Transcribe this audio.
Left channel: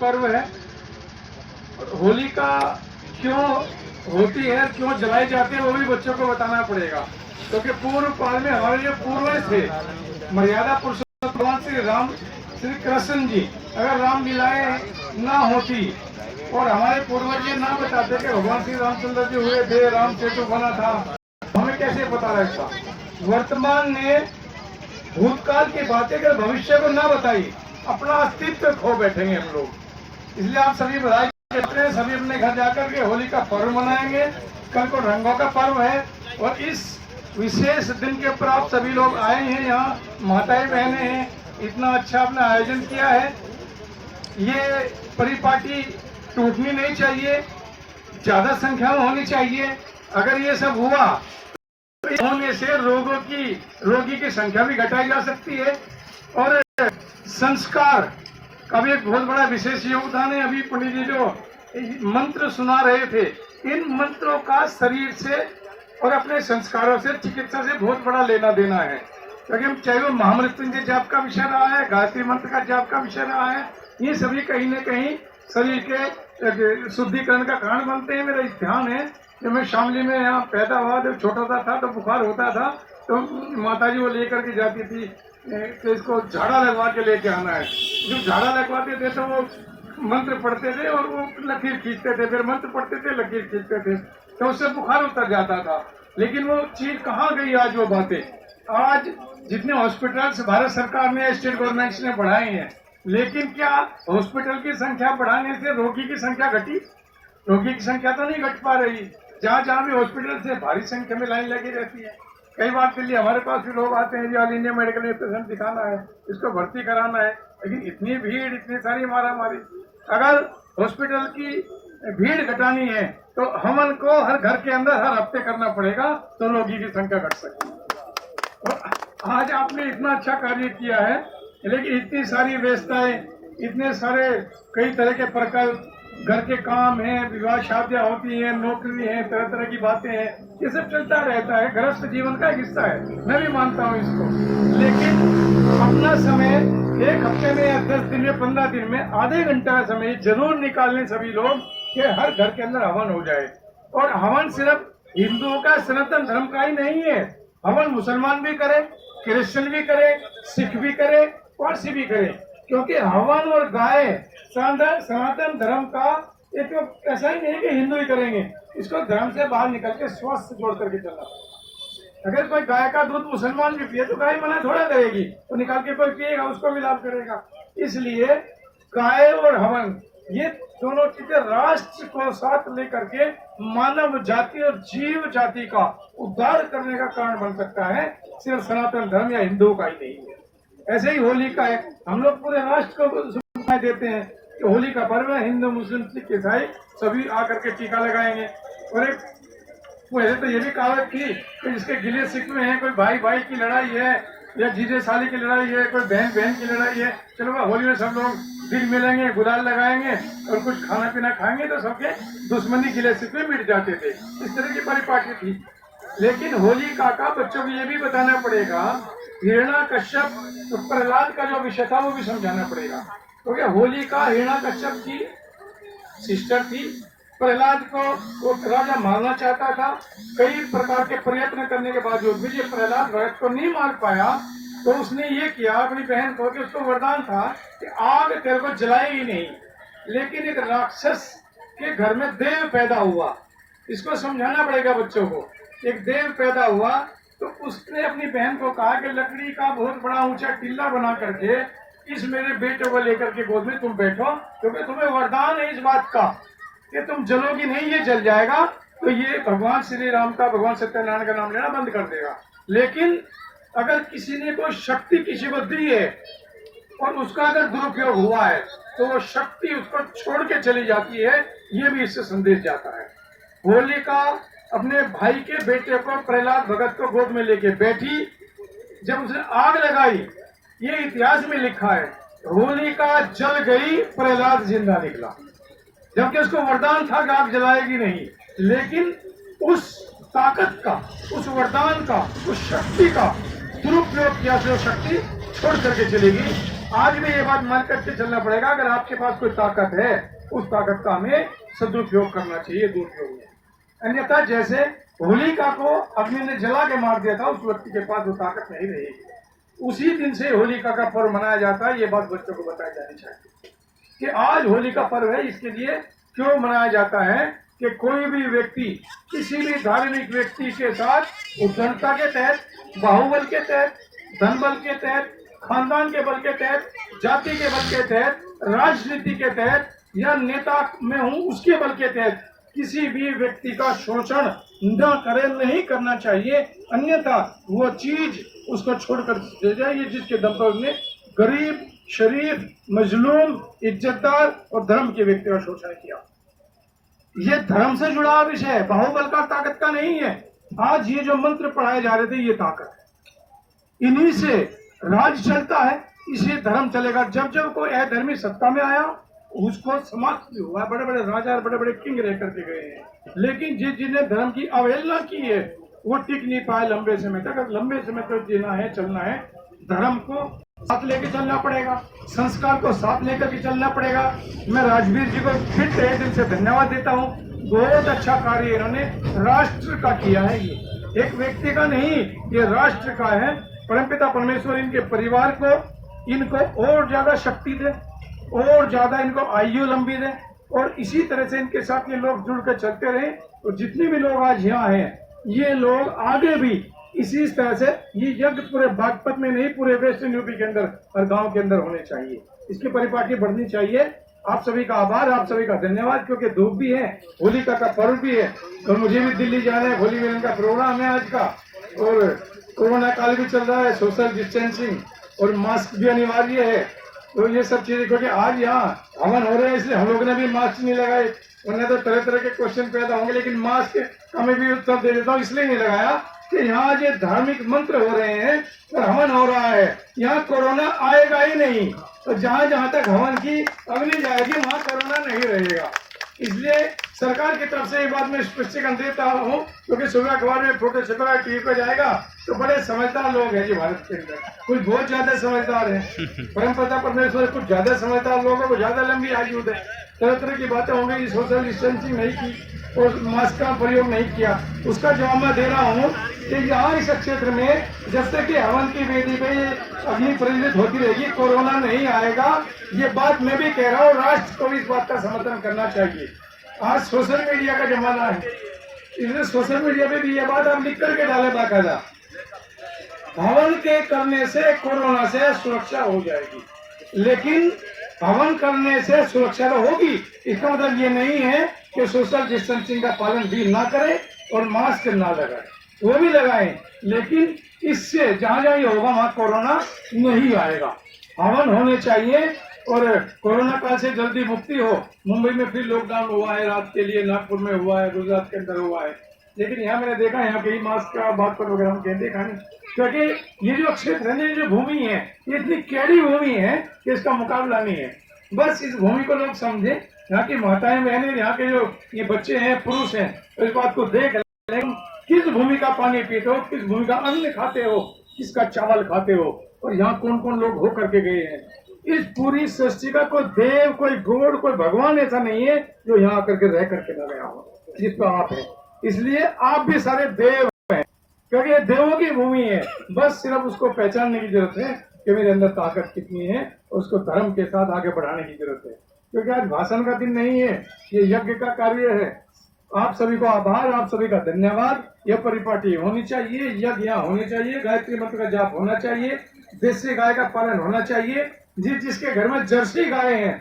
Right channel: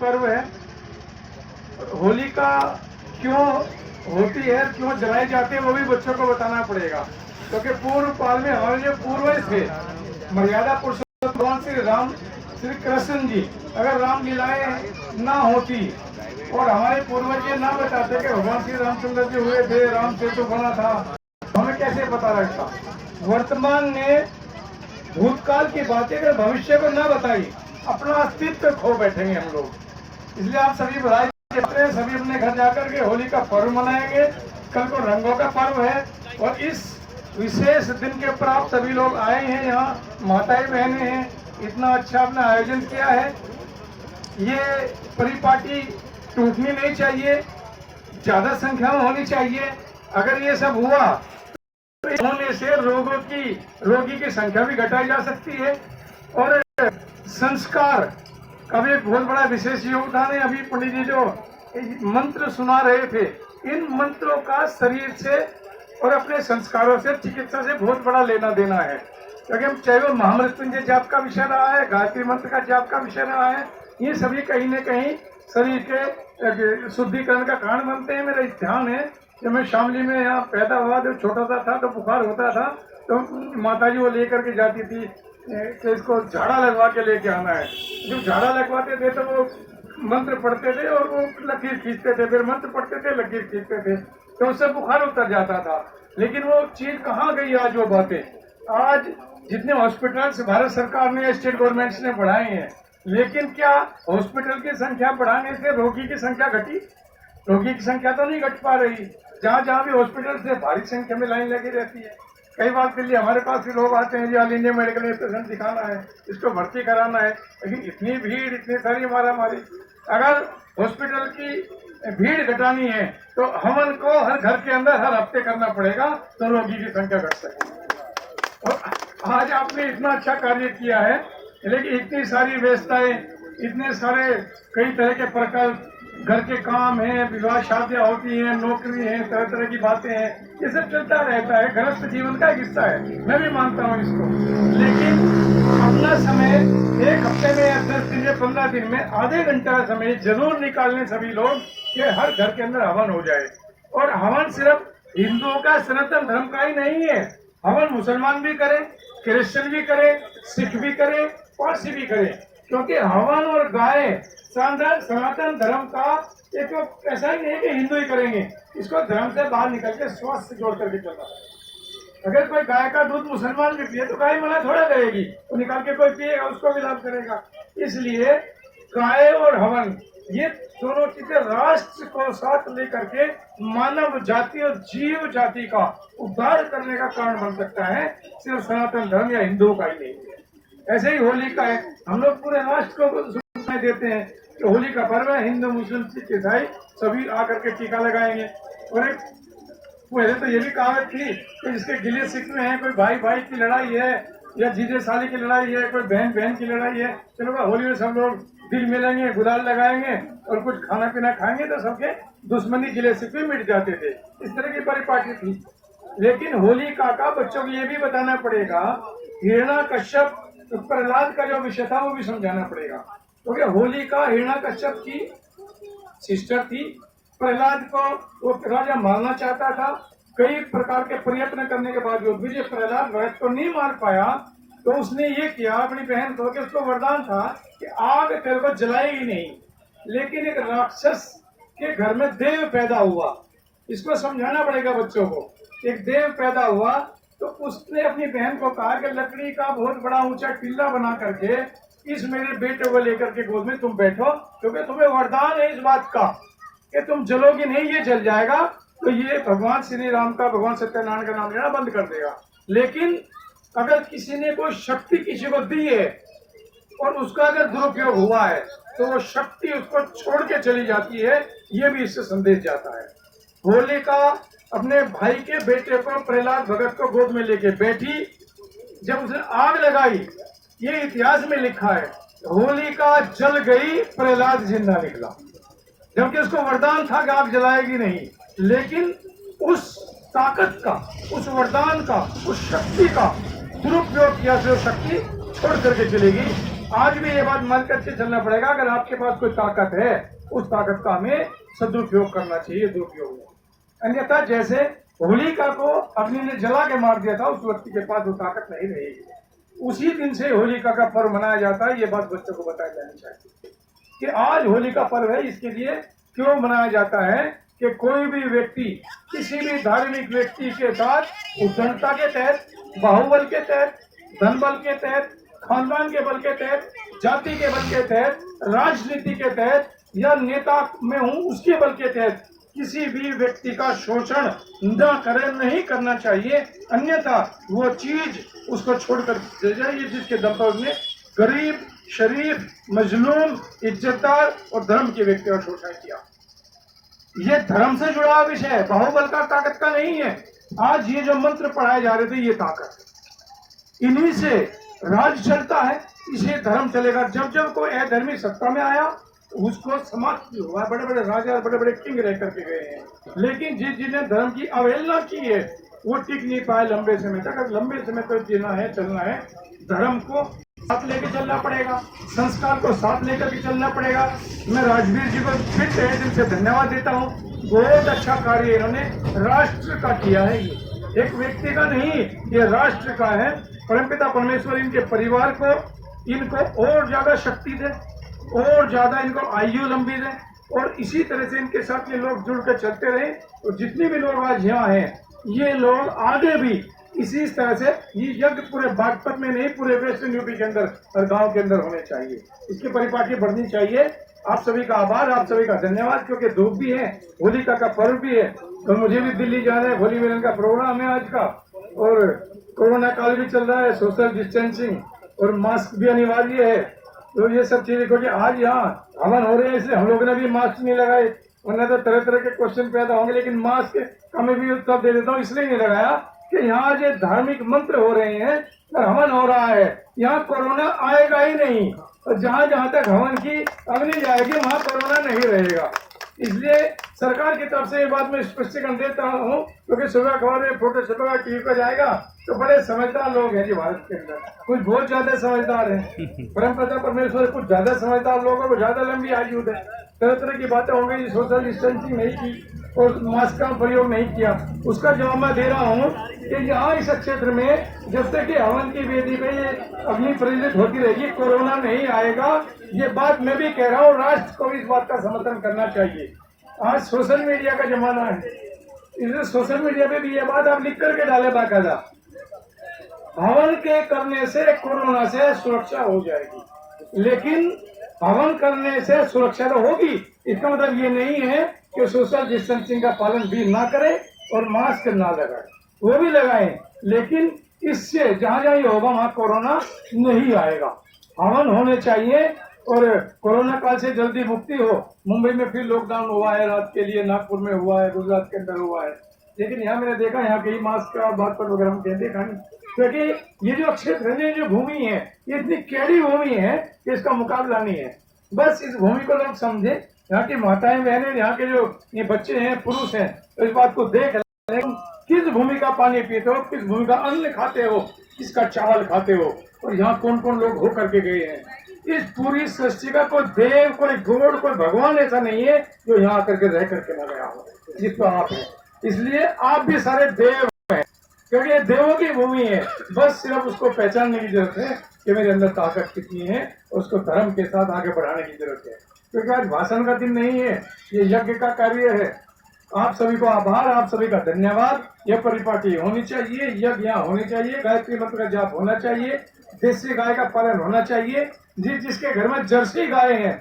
पर्व है। होली का क्यों होती है, क्यों जलाए जाते हैं, वो भी बच्चों को बताना पड़ेगा। क्योंकि पूर्व काल में हमारे जो पूर्वज थे, मर्यादा पुरुषोत्तम भगवान श्री राम, श्री कृष्ण जी, अगर रामलीलाएं ना होती और हमारे पूर्वज ये ना बताते कि भगवान श्री रामचंद्र जी हुए थे, राम सेतु बना था, हमें कैसे पता लगता। वर्तमान ने भूतकाल की बातें अगर भविष्य को ना बताई, अपना अस्तित्व खो बैठेंगे हम लोग। इसलिए आप सभी बधाई देते हैं, सभी अपने घर जाकर के होली का पर्व मनाएंगे। कल को रंगों का पर्व है और इस विशेष दिन के ऊपर आप सभी लोग आए हैं, यहाँ माताएं बहनें हैं, इतना अच्छा अपना आयोजन किया है। ये परिपाटी टूटनी नहीं चाहिए, ज्यादा संख्या में होनी चाहिए। अगर ये सब हुआ तो होने से रोगी की संख्या भी घटाई जा सकती है। और संस्कार का भी एक बहुत बड़ा विशेष योगदान है। अभी पंडित जी जो मंत्र सुना रहे थे, इन मंत्रों का शरीर से और अपने संस्कारों से, चिकित्सा से बहुत बड़ा लेना देना है। क्योंकि हम चाहे वो महामृत्युंजय जाप का विषय रहा है, गायत्री मंत्र का जाप का विषय रहा है, ये सभी कहीं न कहीं शरीर के शुद्धिकरण का कारण बनते हैं। मेरा ध्यान है कि मैं शामली में यहाँ पैदा हुआ, जब छोटा सा था तो बुखार होता था, तो माताजी वो लेकर के जाती थी कि इसको झाड़ा लगवा के लेके आना है। जब झाड़ा लगवाते थे तो वो मंत्र पढ़ते थे और वो लकीर खींचते थे, फिर मंत्र पढ़ते थे, लकीर खींचते थे, तो उससे बुखार उतर जाता था। लेकिन वो चीज कहाँ गई आज वो बातें? आज जितने हॉस्पिटल्स भारत सरकार ने, स्टेट गवर्नमेंट्स ने बढ़ाए हैं, लेकिन क्या हॉस्पिटल की संख्या बढ़ाने से रोगी की संख्या घटी? रोगी की संख्या तो नहीं घट पा रही। जहाँ जहाँ भी हॉस्पिटल से भारी संख्या में लाइन लगी रहती है। कई बार के लिए हमारे पास भी लोग आते हैं, जी ऑल इंडिया मेडिकल एसोसिएशन दिखाना है, इसको भर्ती कराना है, लेकिन इतनी भीड़, इतनी सारी मारामारी। अगर हॉस्पिटल की भीड़ घटानी है तो हवन को हर घर के अंदर हर हफ्ते करना पड़ेगा, तो रोगी की संख्या घट सकती है। और आज आपने इतना अच्छा कार्य किया है, लेकिन इतनी सारी व्यवस्थाएं, इतने सारे कई तरह के प्रकल्प, घर के काम हैं, विवाह शादियां होती हैं, नौकरी है, तरह तरह की बातें हैं, ये सब चलता रहता है, गृहस्थ जीवन का एक हिस्सा है, मैं भी मानता हूँ इसको। लेकिन अपना समय एक हफ्ते में या 10 दिन में 15 दिन में आधे घंटे का समय जरूर निकालने सभी लोग कि हर घर के अंदर हवन हो जाए। और हवन सिर्फ हिंदुओं का, सनातन धर्म का ही नहीं है, हवन मुसलमान भी करे, क्रिश्चियन भी करे, सिख भी करे, पारसी भी करे। क्योंकि हवन और गाय सनातन धर्म का एक तो ऐसा ही नहीं कि हिंदू ही करेंगे, इसको धर्म से बाहर निकल के स्वास्थ्य से जोड़ करके चलना। अगर कोई गाय का दूध मुसलमान भी पिए तो गाय मना थोड़ा करेगी, तो निकाल के कोई पिएगा, उसको भी लाभ करेगा। इसलिए गाय और हवन, ये दोनों चीजें राष्ट्र को साथ लेकर के मानव जाति और जीव जाति का उद्धार करने का कारण बन सकता है, सिर्फ सनातन धर्म या हिंदुओं का ही नहीं है। ऐसे ही होली का है, हम लोग पूरे राष्ट्र को सूचना देते हैं कि होली का पर्व है, हिंदू मुस्लिम सिख ईसाई सभी आकर के टीका लगाएंगे। और एक पहले तो ये भी कहावत थी कि जिसके गिले शिकवे हैं, कोई भाई भाई की लड़ाई है या जीजे साली की लड़ाई है, कोई बहन बहन की लड़ाई है, चलो होली में सब लोग दिल मिलेंगे, गुलाल लगाएंगे और कुछ खाना पीना खाएंगे तो सबके दुश्मनी गिले शिकवे मिट जाते थे। इस तरह की परिपाटी थी। लेकिन होली का बच्चों को ये भी बताना पड़ेगा, हिरण्यकश्यप तो प्रहलाद का जो विषय था वो भी समझाना पड़ेगा। क्योंकि होली का हिरण्यकश्यप की सिस्टर थी, प्रहलाद को वो राजा मारना चाहता था। कई प्रकार के प्रयत्न करने के बावजूद भी प्रहलाद भरत को नहीं मार पाया, तो उसने ये किया अपनी बहन को कि उसको वरदान था कि आग तेरे को जलाएगी नहीं। लेकिन एक राक्षस के घर में देव पैदा हुआ, इसको समझाना पड़ेगा बच्चों को। एक देव पैदा हुआ तो उसने अपनी बहन को कहा कि लकड़ी का बहुत बड़ा ऊंचा टिल्ला बना करके इस मेरे बेटे को लेकर के गोद में तुम बैठो, क्योंकि तुम्हें वरदान है इस बात का कि तुम जलोगी नहीं, ये जल जाएगा, तो ये भगवान श्री राम का, भगवान सत्यनारायण का नाम लेना बंद कर देगा। लेकिन अगर किसी ने कोई शक्ति किसी को दी है और उसका अगर दुरुपयोग हुआ है तो वो शक्ति उसको छोड़ के चली जाती है, ये भी इससे संदेश जाता है। होली का अपने भाई के बेटे को, प्रहलाद भगत को गोद में लेके बैठी, जब उसने आग लगाई, ये इतिहास में लिखा है, होलिका जल गई, प्रहलाद जिंदा निकला। जबकि उसको वरदान था कि आग जलाएगी नहीं, लेकिन उस ताकत का, उस वरदान का, उस शक्ति का दुरुपयोग किया, जो शक्ति छोड़ करके चलेगी। आज भी ये बात मान करके चलना पड़ेगा, अगर आपके पास कोई ताकत है उस ताकत का हमें सदुपयोग करना चाहिए, दुरुपयोग नहीं। अन्यथा जैसे होलिका को अग्नि ने जला के मार दिया था, उस व्यक्ति के पास वो ताकत नहीं रहेगी। उसी दिन से होलिका का पर्व मनाया जाता है। ये बात बच्चों को बताई जानी चाहिए कि आज होली का पर्व है। इसके लिए क्यों मनाया जाता है कि कोई भी व्यक्ति किसी भी धार्मिक व्यक्ति के साथ उद्दंडता के तहत, बाहुबल के तहत, धन बल के तहत, खानदान के बल के तहत, जाति के बल के तहत, राजनीति के तहत या नेता में हूं उसके बल के तहत किसी भी व्यक्ति का शोषण न करे, नहीं करना चाहिए। अन्यथा वो चीज उसको छोड़कर दे जाइए जिसके दम पर उसने गरीब, शरीफ, मजलूम, इज्जतदार और धर्म के व्यक्ति का शोषण किया। ये धर्म से जुड़ा हुआ विषय है, बाहुबल का, ताकत का नहीं है। आज ये जो मंत्र पढ़ाए जा रहे थे ये ताकत है, इन्हीं से राज चलता है, इसे धर्म चलेगा। जब जब कोई अधर्मी सत्ता में आया उसको समाप्त हुआ। बड़े बड़े राजा, बड़े बड़े किंग रह करके गए हैं, लेकिन जिन्होंने धर्म की अवहेलना की है वो टिक नहीं पाए लंबे समय तक। अगर लंबे समय तक जीना है, चलना है, धर्म को साथ लेके चलना पड़ेगा, संस्कार को साथ लेकर के चलना पड़ेगा। मैं राजवीर जी को फिर तहे दिल से धन्यवाद देता हूँ। बहुत अच्छा कार्य इन्होंने राष्ट्र का किया है। ये एक व्यक्ति का नहीं, ये राष्ट्र का है। परमपिता परमेश्वर इनके परिवार को, इनको और ज्यादा शक्ति दे, और ज्यादा इनको आयु लंबी दे, और इसी तरह से इनके साथ ये लोग जुड़कर चलते रहे। और जितने भी लोग आज यहाँ हैं, ये लोग आगे भी इसी तरह से ये यज्ञ पूरे बागपत में नहीं, पूरे वेस्टर्न यूपी के अंदर हर गांव के अंदर होने चाहिए। इसकी परिपाटी बढ़नी चाहिए। आप सभी का आभार, आप सभी का धन्यवाद, क्योंकि धूप भी है, होलिका का पर्व भी है और मुझे भी दिल्ली जाना है। होली मिलन का प्रोग्राम है आज का, और कोरोना काल भी चल रहा है, सोशल डिस्टेंसिंग और मास्क भी अनिवार्य है। तो ये सब चीजें, क्योंकि आज यहाँ हवन हो रहे हैं इसलिए हम लोगों ने भी मास्क नहीं लगाए, उन्हें तो तरह तरह के क्वेश्चन पैदा होंगे, लेकिन मास्क का मैं भी उत्तर दे देता हूँ, इसलिए नहीं लगाया कि यहाँ जो धार्मिक मंत्र हो रहे हैं और हवन हो रहा है, यहाँ कोरोना आएगा ही नहीं। तो जहाँ जहाँ तक हवन की अग्नि जाएगी वहाँ कोरोना नहीं रहेगा। इसलिए सरकार की तरफ से ये बात मैं स्पष्टीकरण देता हूँ, क्योंकि सुबह अखबार में फोटो छपेगा, टीवी पे जाएगा, तो बड़े समझदार लोग हैं जी भारत के अंदर, कुछ बहुत ज्यादा समझदार हैं। परमपिता परमेश्वर कुछ ज्यादा समझदार लोगों को ज्यादा लंबी आयु दे। तरह तरह की बातें होंगी, सोशल डिस्टेंसिंग नहीं की और मास्क का प्रयोग नहीं किया, उसका जवाब मैं दे रहा हूँ कि यहाँ इस क्षेत्र में जब तक कि हवन की वेदी पे अग्नि प्रज्वलित होती रहेगी, कोरोना नहीं आएगा। ये बात मैं भी कह रहा हूँ, राष्ट्र को भी इस बात का समर्थन करना चाहिए। आज सोशल मीडिया का जमाना है, इसलिए सोशल मीडिया पे भी ये बात आप लिख करके डाले बाकायदा, हवन के करने से कोरोना से सुरक्षा हो जाएगी। लेकिन हवन करने से सुरक्षा तो होगी, इसका मतलब ये नहीं है कि सोशल डिस्टेंसिंग का पालन भी ना करें और मास्क ना लगाएं, वो भी लगाएं, लेकिन इससे जहां जहां ये होगा वहां कोरोना नहीं आएगा। हवन होने चाहिए और कोरोना काल से जल्दी मुक्ति हो। मुंबई में फिर लॉकडाउन हुआ है रात के लिए, नागपुर में हुआ है, गुजरात के अंदर हुआ है, लेकिन यहाँ मैंने देखा यहाँ कहीं मास्क का बात पर वगैरह हम देखा नहीं, क्योंकि ये जो क्षेत्र है, ये जो भूमि है, ये इतनी कैडी भूमि है कि इसका मुकाबला नहीं है। बस इस भूमि को लोग समझे, यहाँ की माताएं बहनें, यहाँ के जो ये बच्चे हैं, पुरुष हैं, तो इस बात को देख रहे हैं किस भूमि का पानी पीते हो, किस भूमि का अन्न खाते हो, किसका चावल खाते हो, और यहाँ कौन कौन लोग हो करके गए हैं। इस पूरी सृष्टि का कोई देव, कोई गॉड, कोई भगवान ऐसा नहीं है जो यहाँ आकर के रह करके न गया हो, जिसको आप है। इसलिए आप भी सारे देव हैं, क्योंकि ये देवों की भूमि है। बस सिर्फ उसको पहचानने की जरूरत है कि मेरे अंदर ताकत कितनी है, उसको धर्म के साथ आगे बढ़ाने की जरूरत है। क्योंकि आज भाषण का दिन नहीं है, ये यज्ञ का कार्य है। आप सभी को आभार, आप सभी का धन्यवाद। यह परिपाटी होनी चाहिए, यज्ञ यहाँ होने चाहिए, गायत्री मंत्र का जाप होना चाहिए, देसी गाय का पालन होना चाहिए। जिसके घर में जर्सी गाय हैं